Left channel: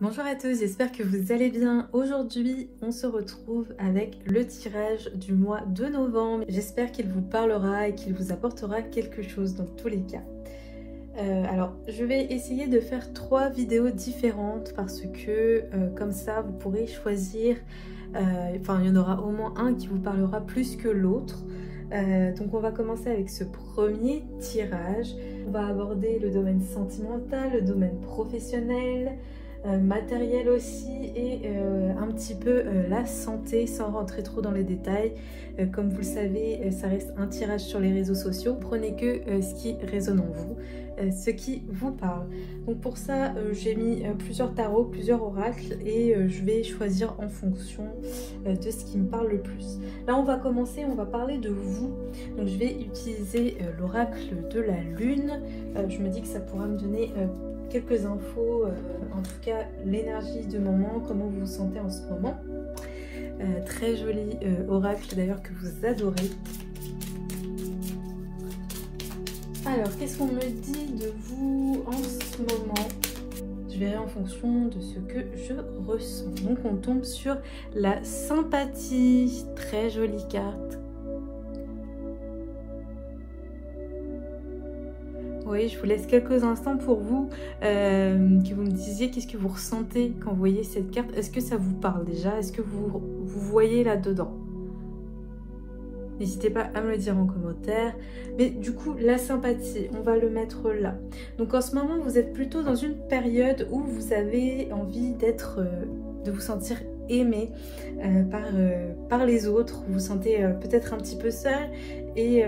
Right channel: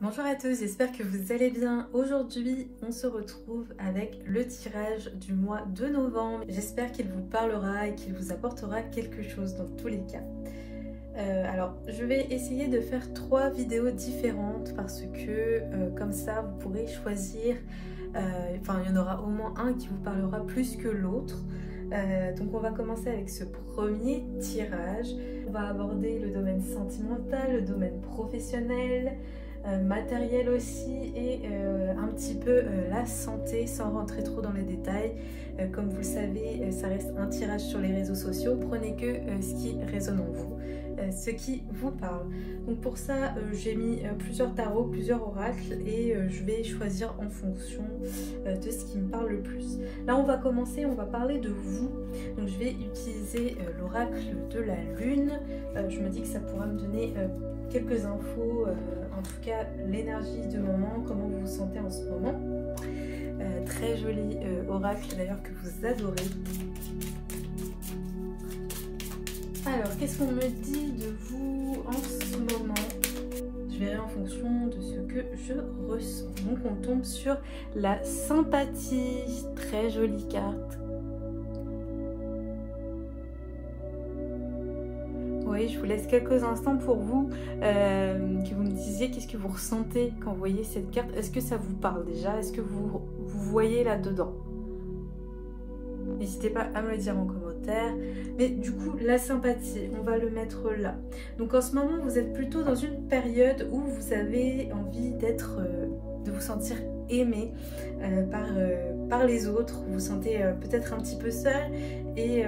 Bonjour à tous, j'espère que vous allez bien. Aujourd'hui, on se retrouve avec le tirage du mois de novembre. J'espère qu'il vous parlera et qu'il vous apportera quelque chose dans tous les cas. Alors, je vais essayer de faire 3 vidéos différentes parce que comme ça, vous pourrez choisir. Enfin, il y en aura au moins un qui vous parlera plus que l'autre. Donc on va commencer avec ce premier tirage. On va aborder le domaine sentimental, le domaine professionnel, matériel aussi et un petit peu la santé sans rentrer trop dans les détails. Comme vous le savez, ça reste un tirage sur les réseaux sociaux. Prenez que ce qui résonne en vous, ce qui vous parle. Donc pour ça, j'ai mis plusieurs tarots, plusieurs oracles et je vais choisir en fonction de ce qui me parle le plus. Là, on va commencer, on va parler de vous. Donc je vais utiliser l'oracle de la lune. Je me dis que ça pourra me donner quelques infos, en tout cas l'énergie du moment, comment vous vous sentez en ce moment. Très joli oracle d'ailleurs que vous adorez. Alors, qu'est-ce qu'on me dit de vous en ce moment? Je verrai en fonction de ce que je ressens. Donc, on tombe sur la sympathie. Très jolie carte. Oui, je vous laisse quelques instants pour vous, que vous me disiez qu'est-ce que vous ressentez quand vous voyez cette carte. Est-ce que ça vous parle déjà? Est-ce que vous voyez là-dedans? N'hésitez pas à me le dire en commentaire. Mais du coup, la sympathie, on va le mettre là. Donc en ce moment, vous êtes plutôt dans une période où vous avez envie de vous sentir aimé par les autres. Vous vous sentez peut-être un petit peu seul et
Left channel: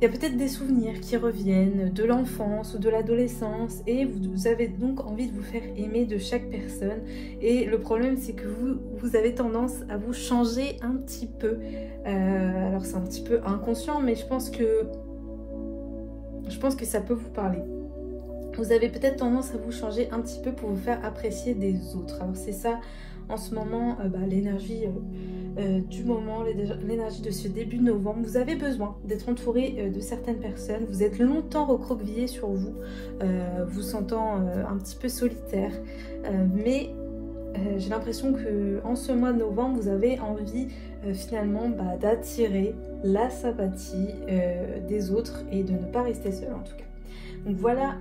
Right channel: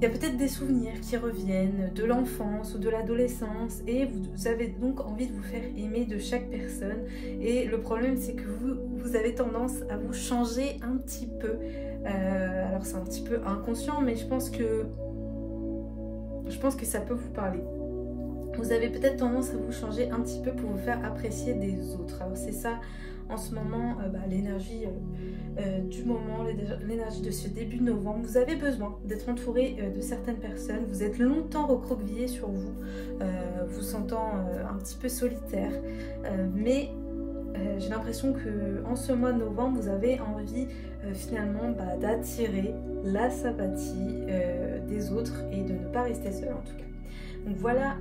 il y a peut-être des souvenirs qui reviennent de l'enfance ou de l'adolescence et vous avez donc envie de vous faire aimer de chaque personne. Et le problème, c'est que vous avez tendance à vous changer un petit peu. Alors c'est un petit peu inconscient, mais je pense que ça peut vous parler. Vous avez peut-être tendance à vous changer un petit peu pour vous faire apprécier des autres. Alors c'est ça en ce moment, l'énergie du moment, l'énergie de ce début novembre. Vous avez besoin d'être entouré de certaines personnes. Vous êtes longtemps recroquevillé sur vous, vous sentant un petit peu solitaire. Mais j'ai l'impression que en ce mois de novembre, vous avez envie finalement d'attirer la sympathie des autres et de ne pas rester seul en tout cas. Donc voilà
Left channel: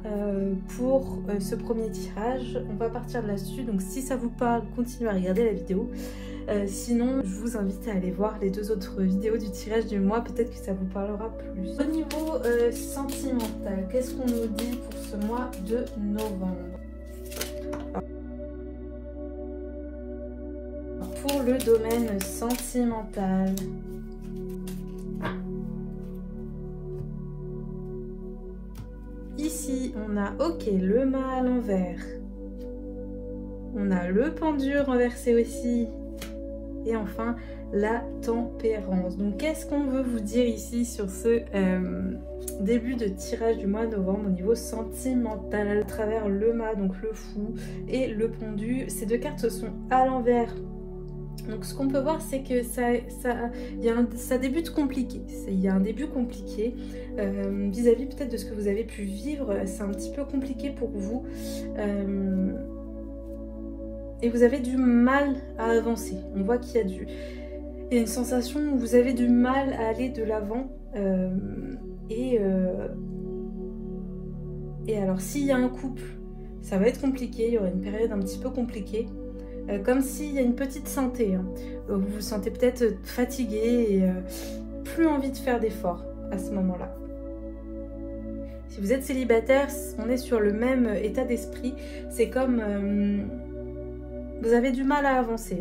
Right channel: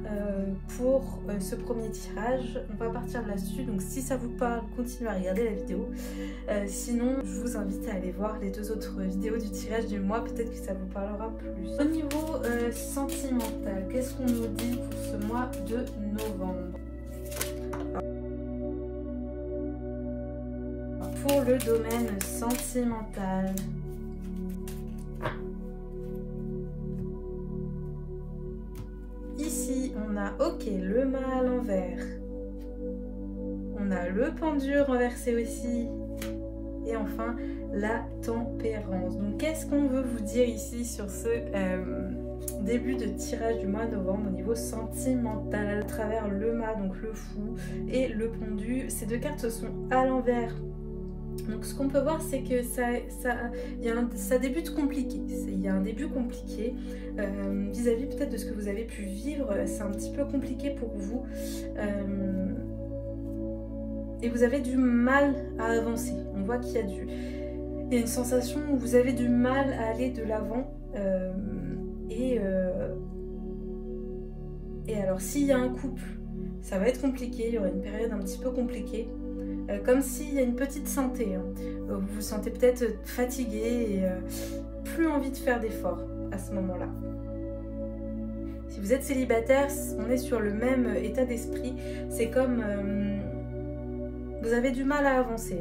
pour ce premier tirage, on va partir de là-dessus. Donc si ça vous parle, continuez à regarder la vidéo. Sinon, je vous invite à aller voir les 2 autres vidéos du tirage du mois, peut-être que ça vous parlera plus. Au niveau sentimental, qu'est-ce qu'on nous dit pour ce mois de novembre? Pour le domaine sentimental, ici on a le mât à l'envers, on a le pendu renversé aussi et enfin la tempérance. Donc qu'est-ce qu'on veut vous dire ici sur ce début de tirage du mois de novembre au niveau sentimental? À travers le mât, donc le fou, et le pendu, ces 2 cartes sont à l'envers. Donc ce qu'on peut voir, c'est que ça débute compliqué. Il y a un début compliqué vis-à-vis peut-être de ce que vous avez pu vivre. C'est un petit peu compliqué pour vous et vous avez du mal à avancer. On voit qu'il y a une sensation où vous avez du mal à aller de l'avant et alors s'il y a un couple, ça va être compliqué. Il y aura une période un petit peu compliquée. Comme s'il y a une petite santé, hein. Vous vous sentez peut-être fatigué et plus envie de faire d'efforts à ce moment-là. Si vous êtes célibataire, on est sur le même état d'esprit. C'est comme vous avez du mal à avancer.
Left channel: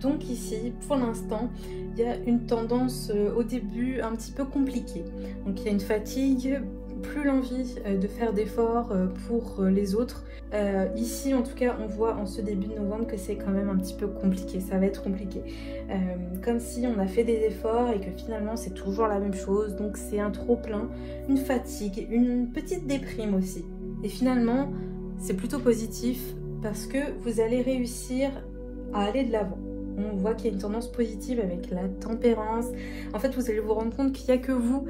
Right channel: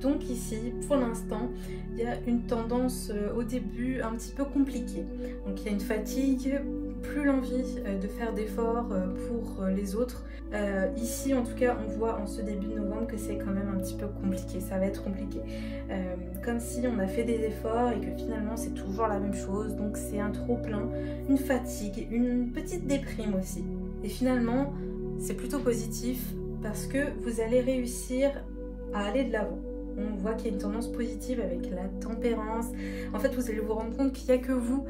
Donc ici, pour l'instant, il y a une tendance au début un petit peu compliquée. Donc il y a une fatigue, plus l'envie de faire d'efforts pour les autres. Ici en tout cas on voit en ce début de novembre que c'est quand même un petit peu compliqué, ça va être compliqué. Comme si on a fait des efforts et que finalement c'est toujours la même chose, donc c'est un trop plein, une fatigue, une petite déprime aussi. Et finalement c'est plutôt positif parce que vous allez réussir à aller de l'avant. On voit qu'il y a une tendance positive avec la tempérance. En fait, vous allez vous rendre compte qu'il n'y a que vous,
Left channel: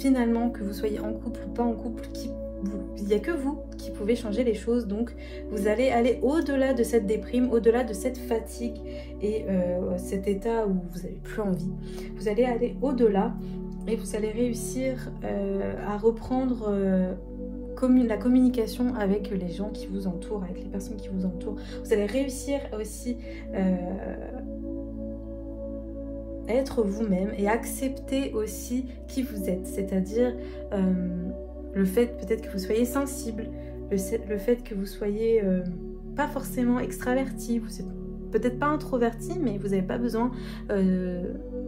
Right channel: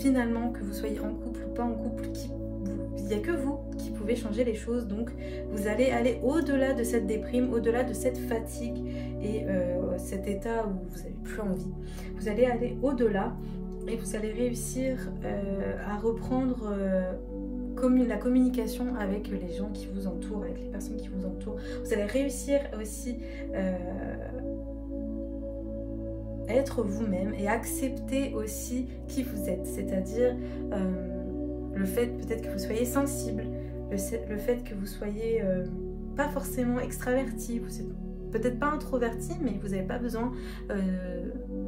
finalement, que vous soyez en couple ou pas en couple, il n'y a que vous qui pouvait changer les choses. Donc vous allez aller au-delà de cette déprime, au-delà de cette fatigue et cet état où vous n'avez plus envie. Vous allez aller au-delà et vous allez réussir à reprendre la communication avec les gens qui vous entourent, avec les personnes qui vous entourent. Vous allez réussir aussi à être vous-même et accepter aussi qui vous êtes. C'est-à-dire le fait peut-être que vous soyez sensible, le fait que vous soyez pas forcément extraverti, vous êtes peut-être pas introverti, mais vous n'avez pas besoin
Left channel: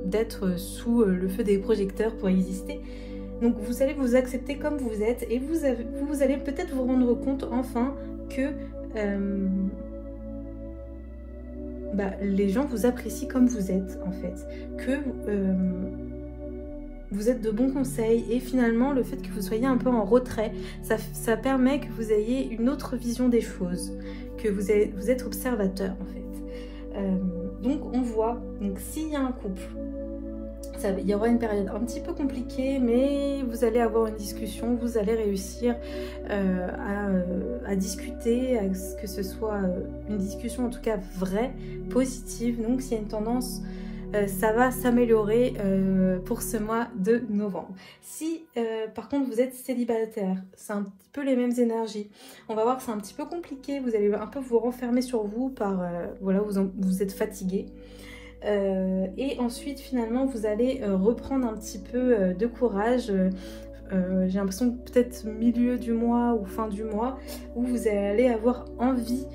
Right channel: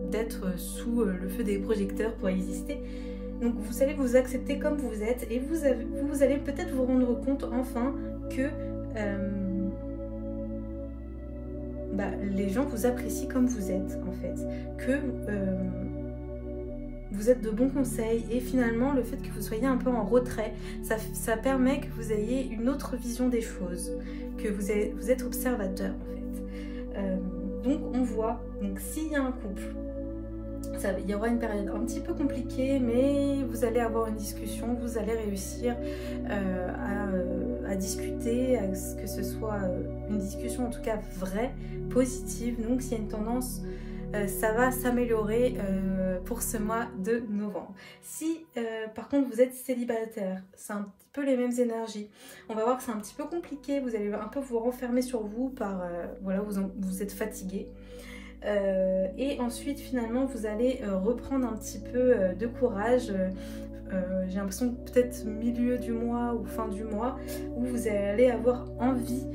d'être sous le feu des projecteurs pour exister. Donc vous allez vous accepter comme vous êtes et vous allez peut-être vous rendre compte enfin que les gens vous apprécient comme vous êtes en fait, que vous êtes de bons conseils et finalement le fait que vous soyez un peu en retrait, ça permet que vous ayez une autre vision des choses, que vous êtes observateur en fait. Donc on voit, donc s'il y a un couple, il y aura une période un petit peu compliquée, mais vous allez avoir une discussion, vous allez réussir à discuter, à ce que ce soit une discussion en tout cas vraie, positive. Donc s'il y a une tendance, ça va s'améliorer pour ce mois de novembre. Si par contre vous êtes célibataire, c'est un petit peu les mêmes énergies. On va voir que c'est un petit peu compliqué, vous allez un peu vous renfermer sur vous par, voilà, vous êtes fatigué. Et ensuite finalement vous allez reprendre un petit peu de courage. J'ai l'impression que peut-être milieu du mois ou fin du mois où vous allez avoir envie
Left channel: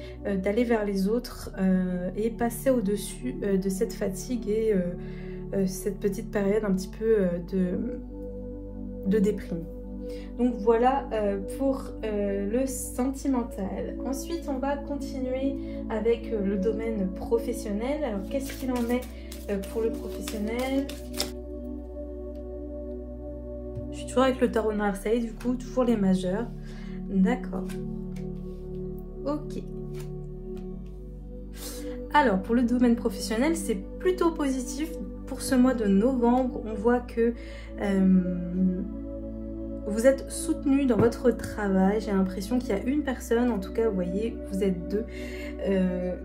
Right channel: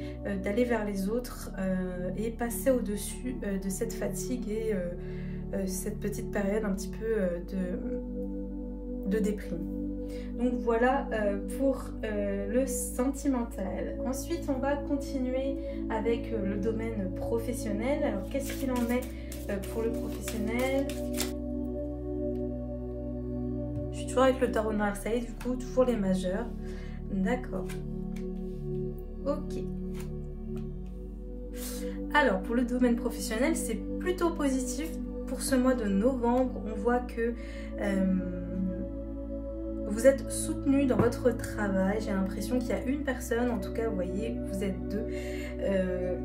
d'aller vers les autres et passer au-dessus de cette fatigue et cette petite période un petit peu de déprime. Donc voilà pour le sentimental. Ensuite, on va continuer avec le domaine professionnel. Alors, qu'est-ce qu'il en est pour le professionnel? Je suis toujours avec le tarot de Marseille, du coup, toujours les majeurs. D'accord. Ok. Alors, pour le domaine professionnel, c'est plutôt positif. Pour ce mois de novembre, on voit que vous êtes soutenu dans votre travail. J'ai l'impression qu'il y a une personne, en tout cas, vous voyez, vous êtes deux,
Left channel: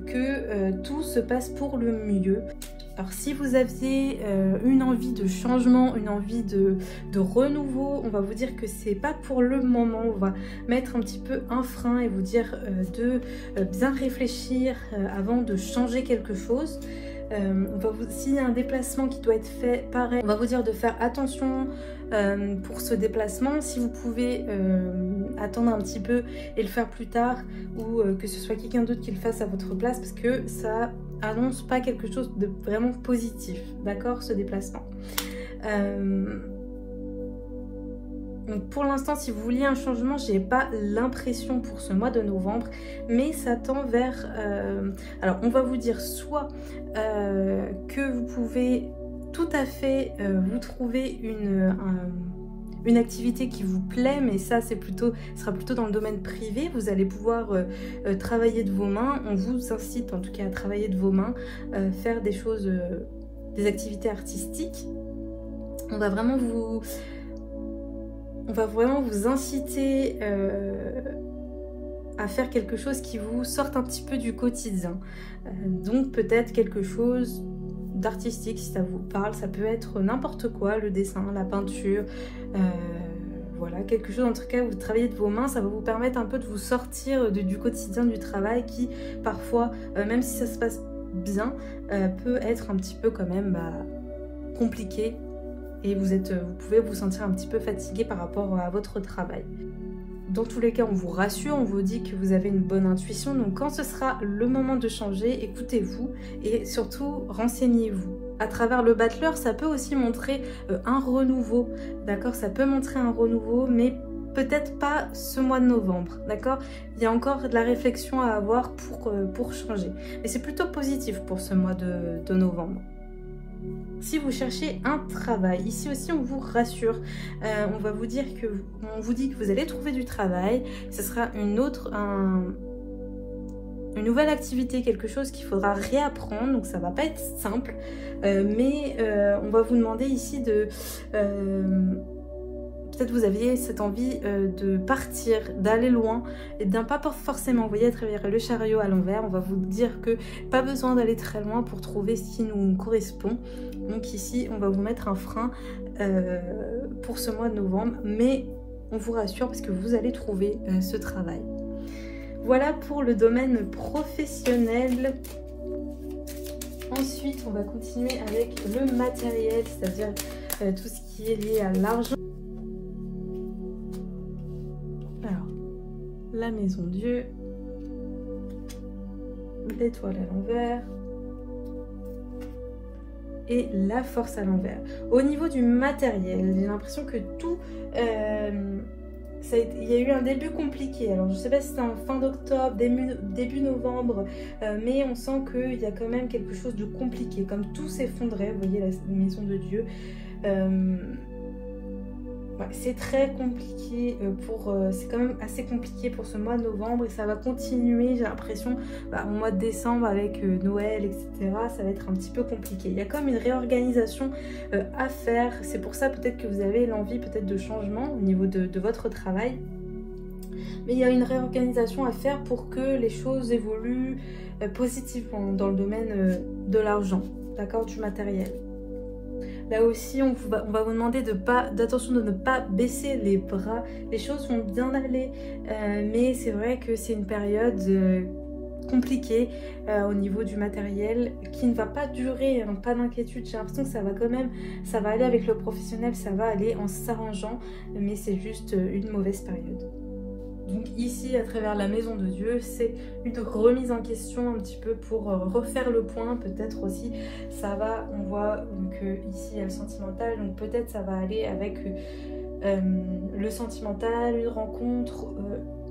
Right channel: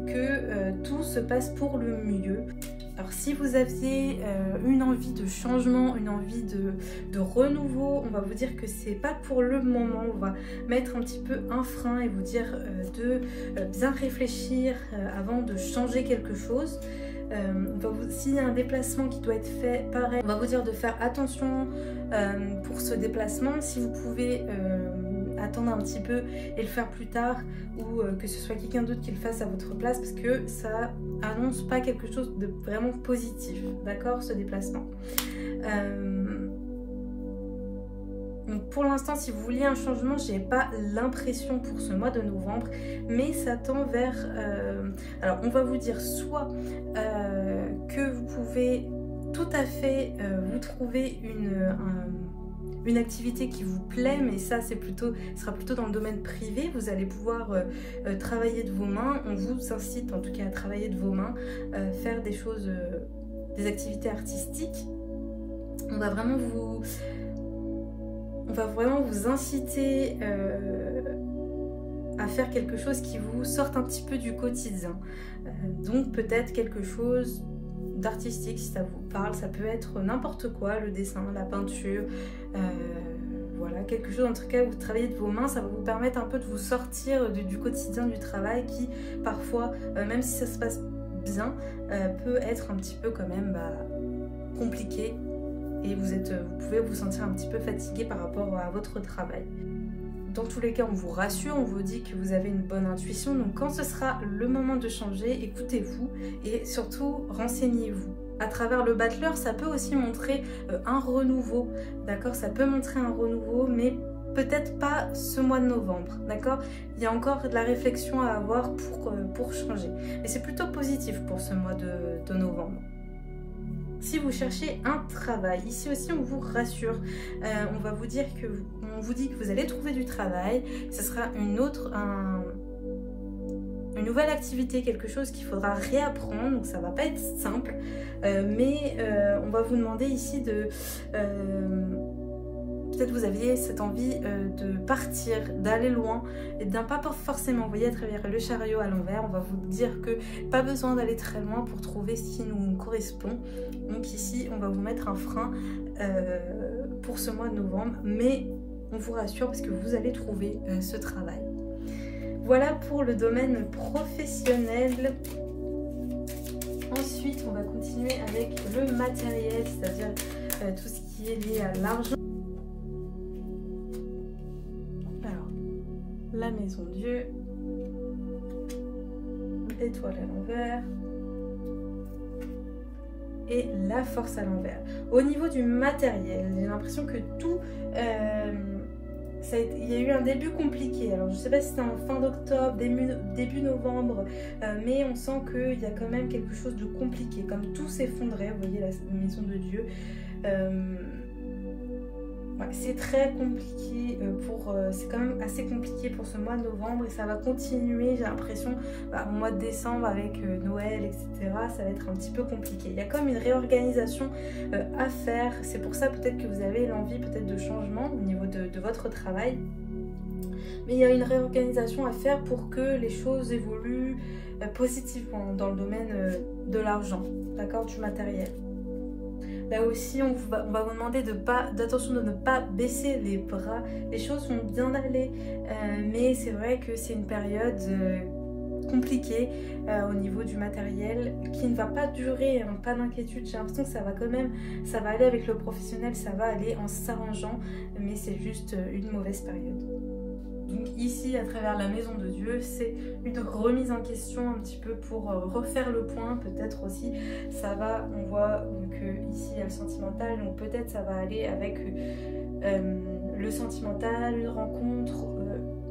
que tout se passe pour le mieux. Alors, si vous aviez une envie de changement, une envie de renouveau, on va vous dire que c'est pas pour le moment. On va mettre un petit peu un frein et vous dire de bien réfléchir avant de changer quelque chose. S'il y a un déplacement qui doit être fait, pareil, on va vous dire de faire attention pour ce déplacement. Si vous pouvez attendre un petit peu et le faire plus tard, ou que ce soit quelqu'un d'autre qui le fasse à votre place, parce que ça annonce pas quelque chose de vraiment positif, d'accord, ce déplacement. Donc pour l'instant, si vous vouliez un changement, j'ai pas l'impression pour ce mois de novembre, mais ça tend vers... alors on va vous dire soit que vous pouvez tout à fait vous trouver une activité qui vous plaît, mais ça c'est sera plutôt dans le domaine privé. Vous allez pouvoir travailler de vos mains. On vous incite en tout cas à travailler de vos mains, faire des choses, des activités artistiques. On va vraiment vous inciter à faire quelque chose qui vous sorte un petit peu du quotidien. Donc peut-être quelque chose d'artistique, si ça vous parle. Ça peut être n'importe quoi, le dessin, la peinture, voilà, quelque chose en tout cas où vous travaillez de vos mains. Ça va vous permettre un peu de vous sortir du quotidien du travail qui parfois, même si ça se passe bien, peut être un petit peu quand même compliqué. Et vous pouvez vous sentir un petit peu fatigué par rapport à votre travail. Dans tous les cas, on vous rassure, on vous dit que vous avez une bonne intuition. Donc quand ce sera le moment de changer, écoutez-vous et surtout renseignez-vous. À travers le battleur, ça peut aussi montrer un renouveau, d'accord? Ça peut montrer un renouveau, mais peut-être pas ce mois de novembre, d'accord? Il y a encore de la réflexion à avoir pour changer. Mais c'est plutôt positif pour ce mois de novembre. Si vous cherchez un travail, ici aussi on vous rassure, on vous dit que vous allez trouver du travail. Ce sera une nouvelle activité, quelque chose qu'il faudra réapprendre, donc ça va pas être simple, mais on va vous demander ici peut-être vous aviez cette envie de partir, d'aller loin et d'un pas forcément, vous voyez, à travers le chariot à l'envers. On va vous dire que pas besoin d'aller très loin pour trouver ce qui nous correspond. Donc ici, on va vous mettre un frein pour ce mois de novembre, mais on vous rassure parce que vous allez trouver ce travail. Voilà pour le domaine professionnel. Ensuite, on va continuer avec le matériel, c'est-à-dire tout ce qui est lié à l'argent. Alors, la maison Dieu, l'étoile à l'envers et la force à l'envers. Au niveau du matériel, j'ai l'impression que tout... il y a eu un début compliqué. Alors je ne sais pas si c'était en fin d'octobre, début novembre, mais on sent qu'il y a quand même quelque chose de compliqué, comme tout s'effondrait. Vous voyez la maison de Dieu. Ouais, c'est très compliqué c'est quand même assez compliqué pour ce mois de novembre et ça va continuer, j'ai l'impression, au mois de décembre avec Noël, etc. Ça va être un petit peu compliqué. Il y a comme une réorganisation à faire. C'est pour ça peut-être que vous avez l'envie peut-être de changement au niveau de votre travail. Mais il y a une réorganisation à faire pour que les choses évoluent positivement dans le domaine de l'argent, d'accord, du matériel. Là aussi, on va vous demander d'attention de ne pas baisser les bras. Les choses vont bien aller, mais c'est vrai que c'est une période compliquée au niveau du matériel qui ne va pas durer, hein, pas d'inquiétude. J'ai l'impression que ça va quand même, ça va aller avec le professionnel, ça va aller en s'arrangeant, mais c'est juste une mauvaise période. Donc ici, à travers la maison de Dieu, c'est une remise en question un petit peu pour refaire le point. Peut-être aussi, ça va, on voit que ici il y a le sentimental, donc peut-être ça va aller avec le sentimental, une rencontre,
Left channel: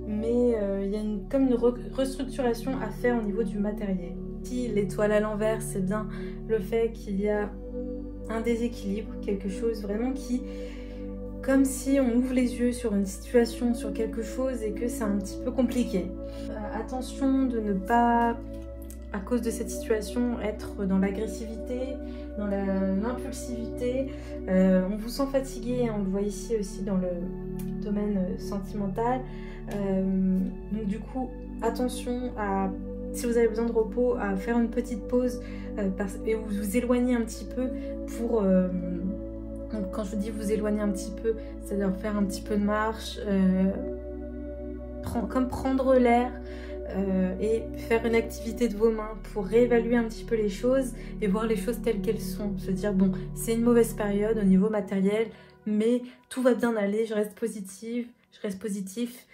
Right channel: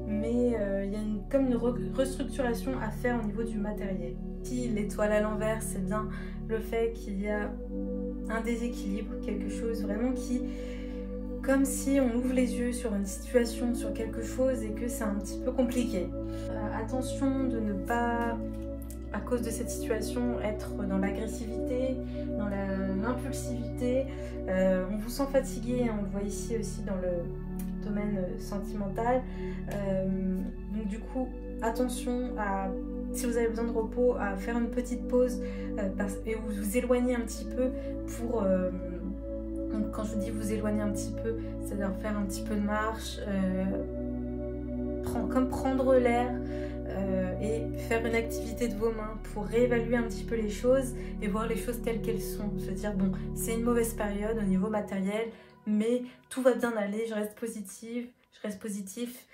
mais il y a comme une restructuration à faire au niveau du matériel. Ici, l'étoile à l'envers, c'est bien le fait qu'il y a un déséquilibre, quelque chose vraiment qui... comme si on ouvre les yeux sur une situation, sur quelque chose et que c'est un petit peu compliqué. Attention de ne pas, à cause de cette situation, être dans l'agressivité, dans l'impulsivité. On vous sent fatigué, hein, on le voit ici aussi dans le domaine sentimental. Donc du coup, attention à, si vous avez besoin de repos, à faire une petite pause et vous éloigner un petit peu pour... donc quand je vous dis vous éloigner un petit peu, c'est-à-dire faire un petit peu de marche, comme prendre l'air et faire une activité de vos mains pour réévaluer un petit peu les choses et voir les choses telles qu'elles sont. Se dire bon, c'est une mauvaise période au niveau matériel, mais tout va bien aller, je reste positive, je reste positif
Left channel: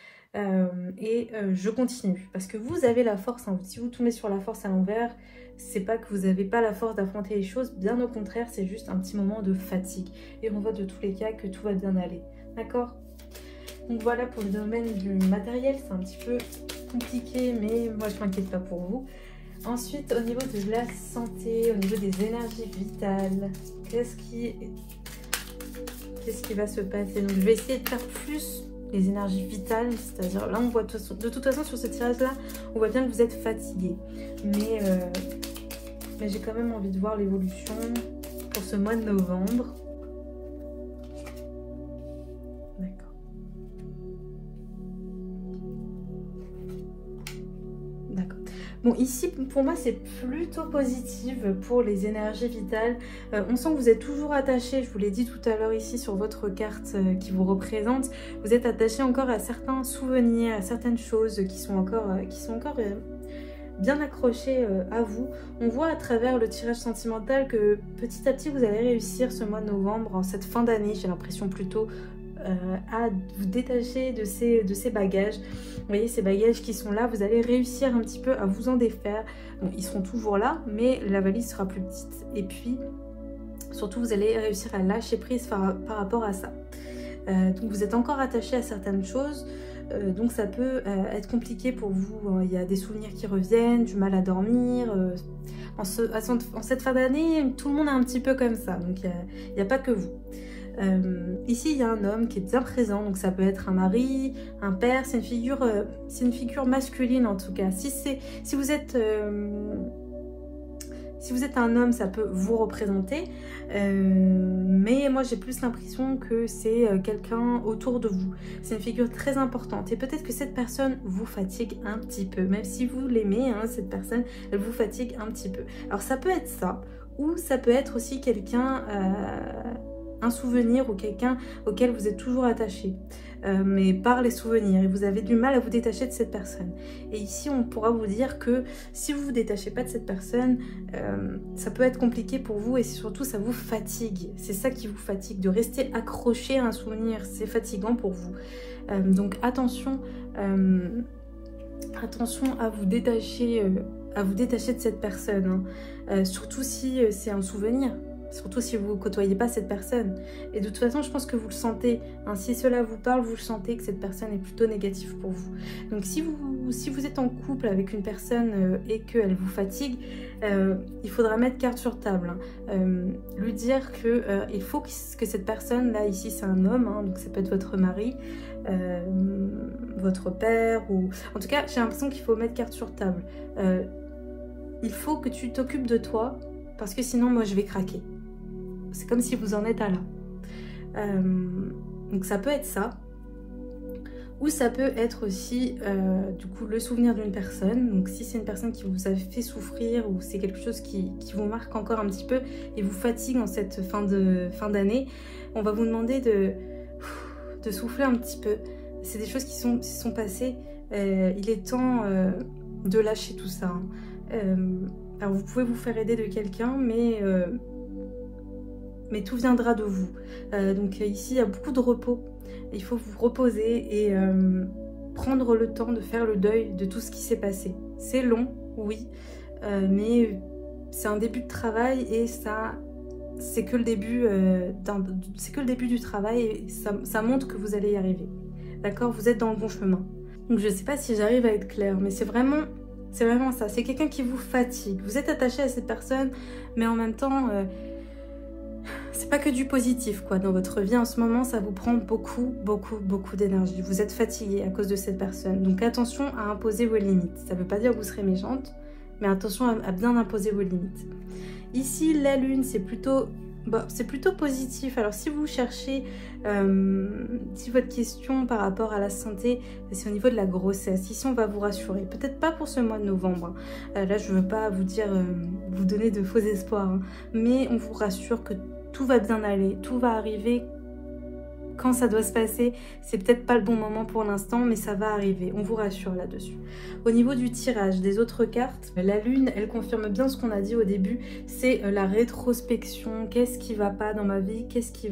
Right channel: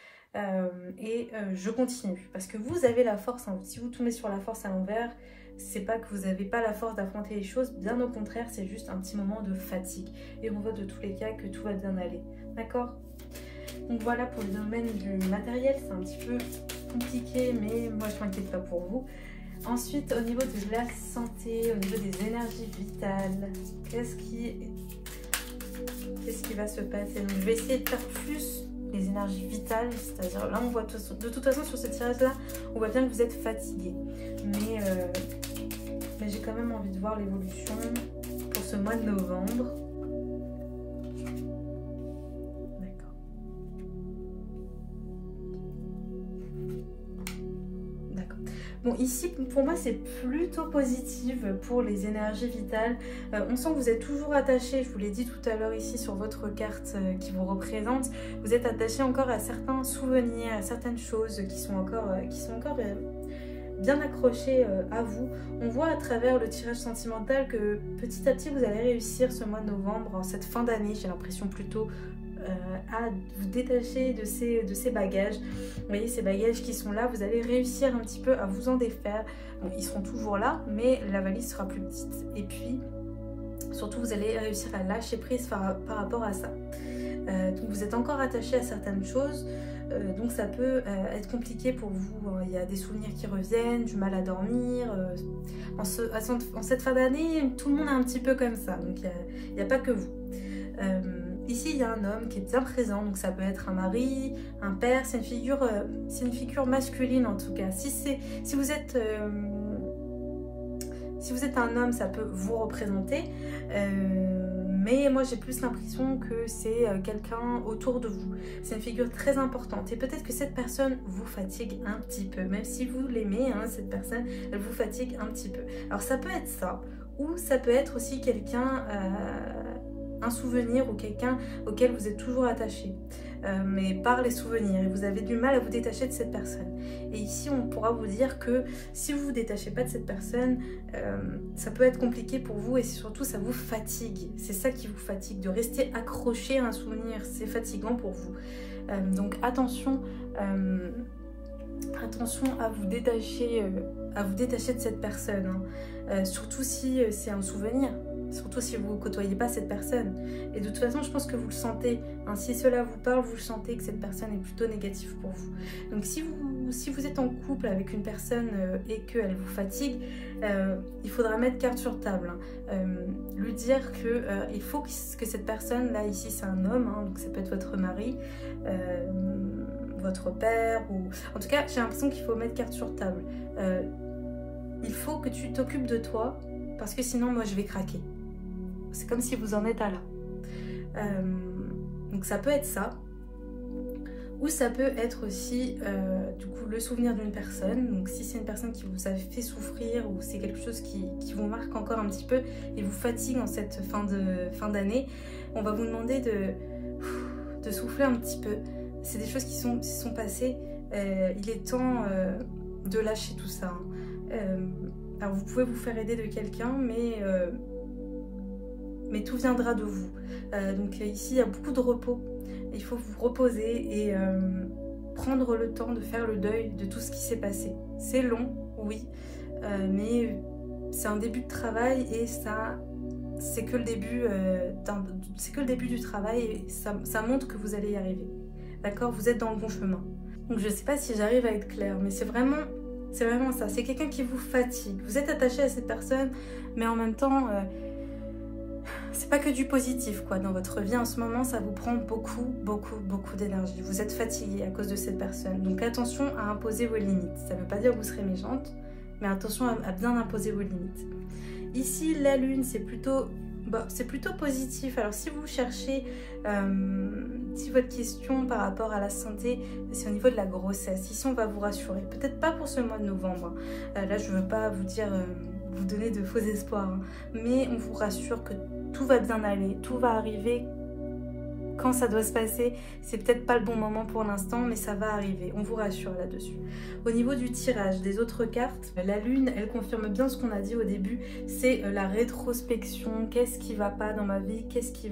et je continue. Parce que vous avez la force, hein, si vous tombez sur la force à l'envers, c'est pas que vous n'avez pas la force d'affronter les choses, bien au contraire, c'est juste un petit moment de fatigue. Et on voit de tous les cas que tout va bien aller. D'accord? Donc voilà pour le domaine du matériel, c'est un petit peu compliqué, mais moi je m'inquiète pas pour vous. Ensuite, au niveau de la santé, au niveau des énergies vitales, qu'est-ce qui va se passer? Je vais essayer de faire plus les énergies vitales, c'est-à-dire là on voit de toute façon sur ce tirage-là, on voit bien que vous êtes fatigué. Mais j'ai quand même envie de voir l'évolution pour ce mois de novembre. D'accord. D'accord. Bon, ici, pour moi, c'est plutôt positif pour les énergies vitales. On sent que vous êtes toujours attaché, je vous l'ai dit tout à l'heure ici sur votre carte qui vous représente. Vous êtes attaché encore à certains souvenirs, à certaines choses qui sont encore bien accrochés à vous. On voit à travers le tirage sentimental que petit à petit, vous allez réussir ce mois de novembre, en cette fin d'année, j'ai l'impression plutôt, à vous détacher de ces bagages. Vous voyez ces bagages qui sont là, vous allez réussir un petit peu à vous en défaire. Bon, ils sont toujours là, mais la valise sera plus petite. Et puis, surtout, vous allez réussir à lâcher prise par rapport à ça. Donc, vous êtes encore attaché à certaines choses. Donc, ça peut être compliqué pour vous. Il y a des souvenirs qui reviennent, du mal à dormir. En cette fin d'année, tout le monde est un petit peu comme ça. Donc, il n'y a pas que vous. Ici, il y a un homme qui est bien présent, donc ça peut être un mari, un père, c'est une figure masculine en tout cas. Si vous êtes Si vous êtes un homme, ça peut vous représenter, mais moi j'ai plus l'impression que c'est quelqu'un autour de vous. C'est une figure très importante et peut-être que cette personne vous fatigue un petit peu, même si vous l'aimez, hein, cette personne, elle vous fatigue un petit peu. Alors ça peut être ça, ou ça peut être aussi quelqu'un, un souvenir ou quelqu'un auquel vous êtes toujours attaché. Mais par les souvenirs, et vous avez du mal à vous détacher de cette personne. Et ici, on pourra vous dire que si vous ne vous détachez pas de cette personne, ça peut être compliqué pour vous et surtout, ça vous fatigue. C'est ça qui vous fatigue, de rester accroché à un souvenir. C'est fatigant pour vous. Donc, attention, attention à vous détacher de cette personne. Hein. Surtout si c'est un souvenir. Surtout si vous ne côtoyez pas cette personne. Et de toute façon, je pense que vous le sentez. Hein, si cela vous parle, vous le sentez que cette personne est plutôt négative pour vous. Donc si vous êtes en couple avec une personne et qu'elle vous fatigue, il faudra mettre carte sur table. Hein. Lui dire qu'il faut que cette personne, là ici c'est un homme, hein, donc ça peut être votre mari, votre père, ou... En tout cas, j'ai l'impression qu'il faut mettre carte sur table. Il faut que tu t'occupes de toi, parce que sinon moi je vais craquer. C'est comme si vous en êtes à là. Donc ça peut être ça. Ou ça peut être aussi du coup le souvenir d'une personne. Donc si c'est une personne qui vous a fait souffrir ou c'est quelque chose qui vous marque encore un petit peu et vous fatigue en cette fin d'année, on va vous demander de souffler un petit peu. C'est des choses qui sont passées. Il est temps de lâcher tout ça. Hein. Alors vous pouvez vous faire aider de quelqu'un, mais tout viendra de vous. Donc ici, il y a beaucoup de repos. Il faut vous reposer et prendre le temps de faire le deuil de tout ce qui s'est passé. C'est long, oui, mais c'est un début de travail et ça, c'est que le début, du travail et ça montre que vous allez y arriver. D'accord? Vous êtes dans le bon chemin. Donc je ne sais pas si j'arrive à être claire, mais c'est vraiment ça. C'est quelqu'un qui vous fatigue. Vous êtes attaché à cette personne, mais en même temps, c'est pas que du positif quoi. Dans votre vie en ce moment, ça vous prend beaucoup d'énergie. Vous êtes fatigué à cause de cette personne. Donc attention à imposer vos limites. Ça ne veut pas dire que vous serez méchante, mais attention à bien imposer vos limites. Ici, la lune, c'est plutôt positif. Alors si vous cherchez, si votre question par rapport à la santé, c'est au niveau de la grossesse, ici on va vous rassurer. Peut-être pas pour ce mois de novembre. Hein. Là, je ne veux pas vous dire, vous donner de faux espoirs. Hein. Mais on vous rassure que tout va bien aller, tout va arriver quand ça doit se passer. C'est peut-être pas le bon moment pour l'instant, mais ça va arriver. On vous rassure là-dessus. Au niveau du tirage des autres cartes, la lune, elle confirme bien ce qu'on a dit au début. C'est la rétrospection. Qu'est-ce qui va pas dans ma vie? Qu'est-ce qui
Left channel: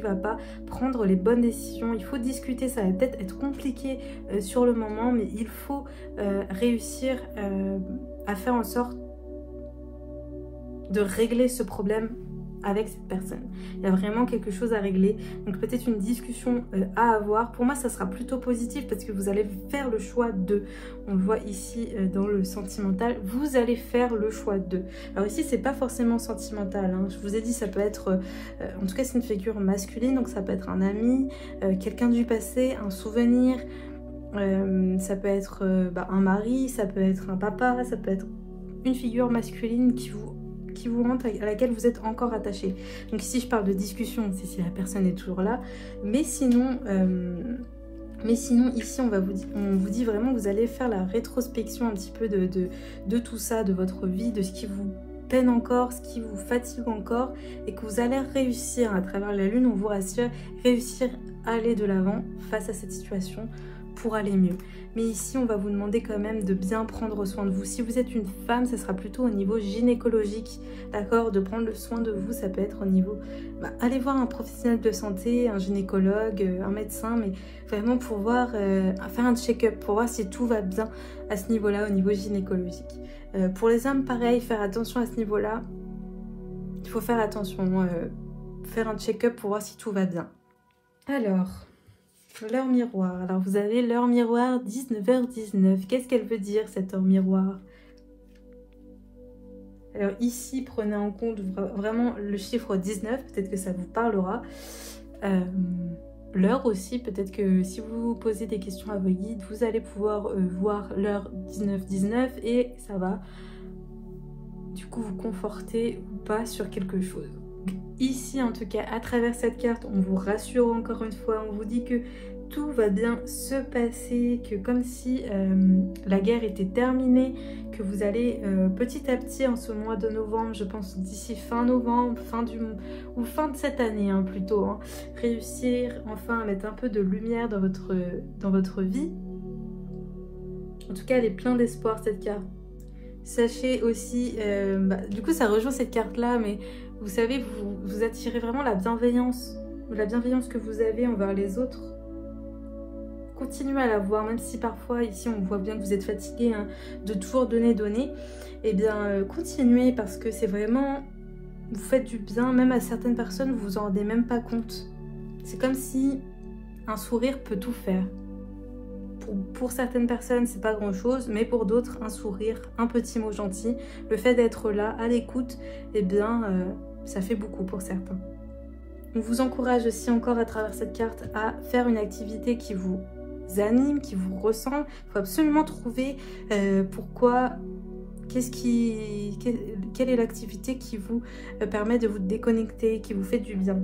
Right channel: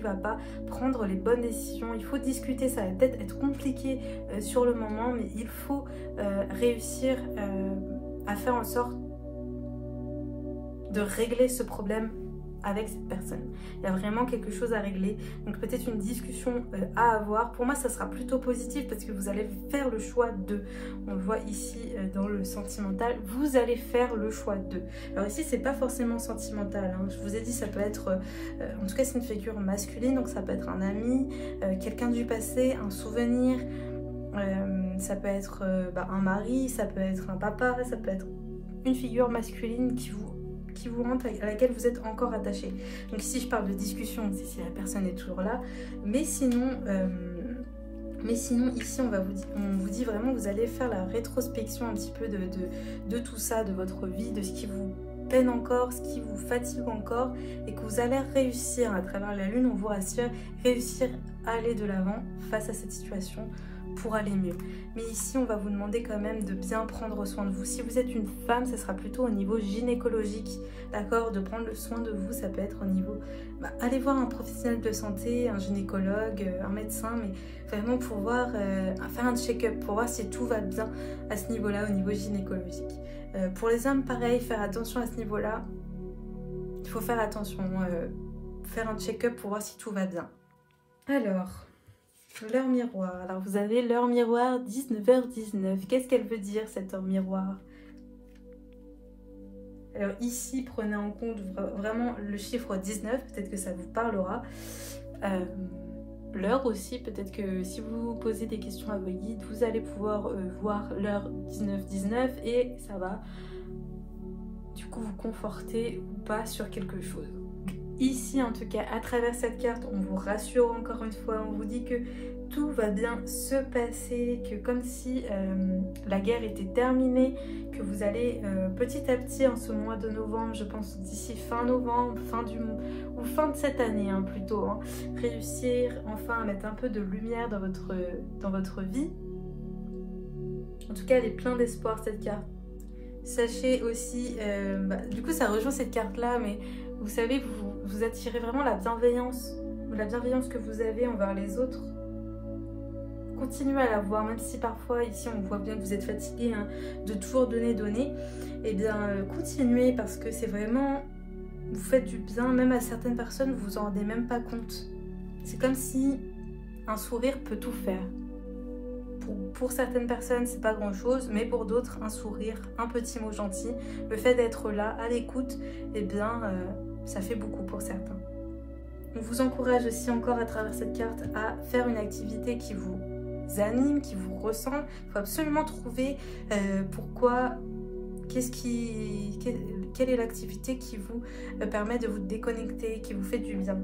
va pas? Prendre les bonnes décisions. Il faut discuter. Ça va peut-être être compliqué sur le moment, mais il faut réussir à faire en sorte de régler ce problème avec cette personne. Il y a vraiment quelque chose à régler. Donc peut-être une discussion à avoir. Pour moi, ça sera plutôt positif parce que vous allez faire le choix de. On le voit ici dans le sentimental. Vous allez faire le choix de. Alors ici, c'est pas forcément sentimental. Hein. Je vous ai dit, ça peut être... en tout cas, c'est une figure masculine. Donc ça peut être un ami, quelqu'un du passé, un souvenir. Ça peut être un mari, ça peut être un papa, ça peut être une figure masculine qui vous rentre, à laquelle vous êtes encore attaché. Donc ici je parle de discussion, si la personne est toujours là, mais sinon ici on vous dit vraiment que vous allez faire la rétrospection un petit peu de tout ça, de votre vie, de ce qui vous peine encore, ce qui vous fatigue encore, et que vous allez réussir à travers la lune, on vous rassure, réussir à aller de l'avant face à cette situation pour aller mieux. Mais ici, on va vous demander quand même de bien prendre soin de vous. Si vous êtes une femme, ce sera plutôt au niveau gynécologique, d'accord? De prendre le soin de vous, ça peut être au niveau... allez voir un professionnel de santé, un gynécologue, un médecin, mais vraiment pour voir, faire un check-up, pour voir si tout va bien à ce niveau-là, au niveau gynécologique. Pour les hommes, pareil, faire attention à ce niveau-là. Il faut faire attention, faire un check-up pour voir si tout va bien. Alors... l'heure miroir. Alors vous avez l'heure miroir 19h19. Qu'est-ce qu'elle veut dire cette heure miroir? Alors ici, prenez en compte vraiment le chiffre 19. Peut-être que ça vous parlera. L'heure aussi, peut-être que si vous posez des questions à vos guides, vous allez pouvoir voir l'heure 19h19 et ça va du coup vous conforter ou pas sur quelque chose. Ici en tout cas, à travers cette carte, on vous rassure encore une fois, on vous dit que tout va bien se passer, que comme si la guerre était terminée, que vous allez petit à petit en ce mois de novembre, je pense d'ici fin novembre, fin de cette année hein, plutôt, hein, réussir enfin à mettre un peu de lumière dans votre vie. En tout cas, elle est pleine d'espoir cette carte. Sachez aussi, du coup ça rejoint cette carte là, mais vous savez, vous attirez vraiment la bienveillance que vous avez envers les autres. Continuez à la voir, même si parfois ici on voit bien que vous êtes fatigué hein, de toujours donner. Eh bien continuez, parce que c'est vraiment, vous faites du bien, même à certaines personnes vous vous en rendez même pas compte. C'est comme si un sourire peut tout faire. Pour certaines personnes c'est pas grand chose, mais pour d'autres un sourire, un petit mot gentil, le fait d'être là à l'écoute, eh bien ça fait beaucoup pour certains. On vous encourage aussi encore à travers cette carte à faire une activité qui vous anime, qui vous ressemble. Il faut absolument trouver pourquoi, quelle est l'activité qui vous permet de vous déconnecter, qui vous fait du bien.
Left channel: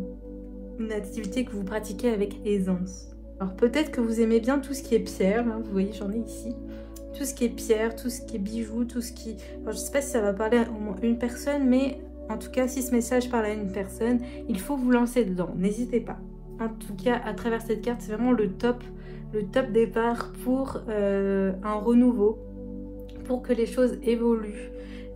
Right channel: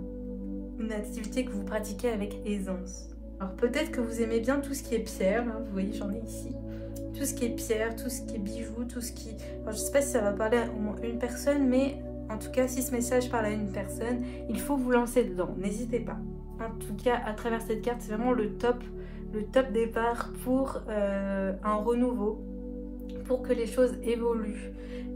Une activité que vous pratiquez avec aisance. Alors peut-être que vous aimez bien tout ce qui est pierre, hein, vous voyez j'en ai ici. Tout ce qui est pierre, tout ce qui est bijoux, tout ce qui... Alors, je ne sais pas si ça va parler à une personne, mais en tout cas si ce message parle à une personne, il faut vous lancer dedans, n'hésitez pas. En tout cas à travers cette carte, c'est vraiment le top départ pour un renouveau, pour que les choses évoluent.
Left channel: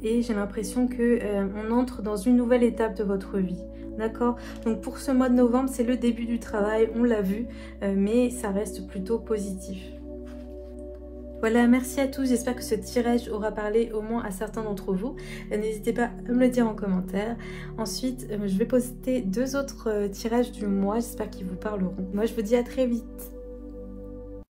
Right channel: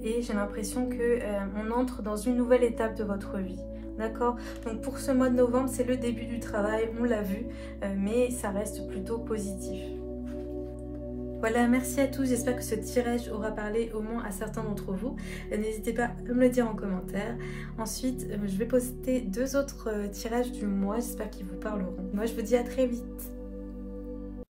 Et j'ai l'impression qu'on entre dans une nouvelle étape de votre vie. D'accord? Donc pour ce mois de novembre, c'est le début du travail, on l'a vu, mais ça reste plutôt positif. Voilà, merci à tous, j'espère que ce tirage aura parlé au moins à certains d'entre vous. N'hésitez pas à me le dire en commentaire. Ensuite, je vais poster 2 autres tirages du mois, j'espère qu'ils vous parleront. Moi, je vous dis à très vite.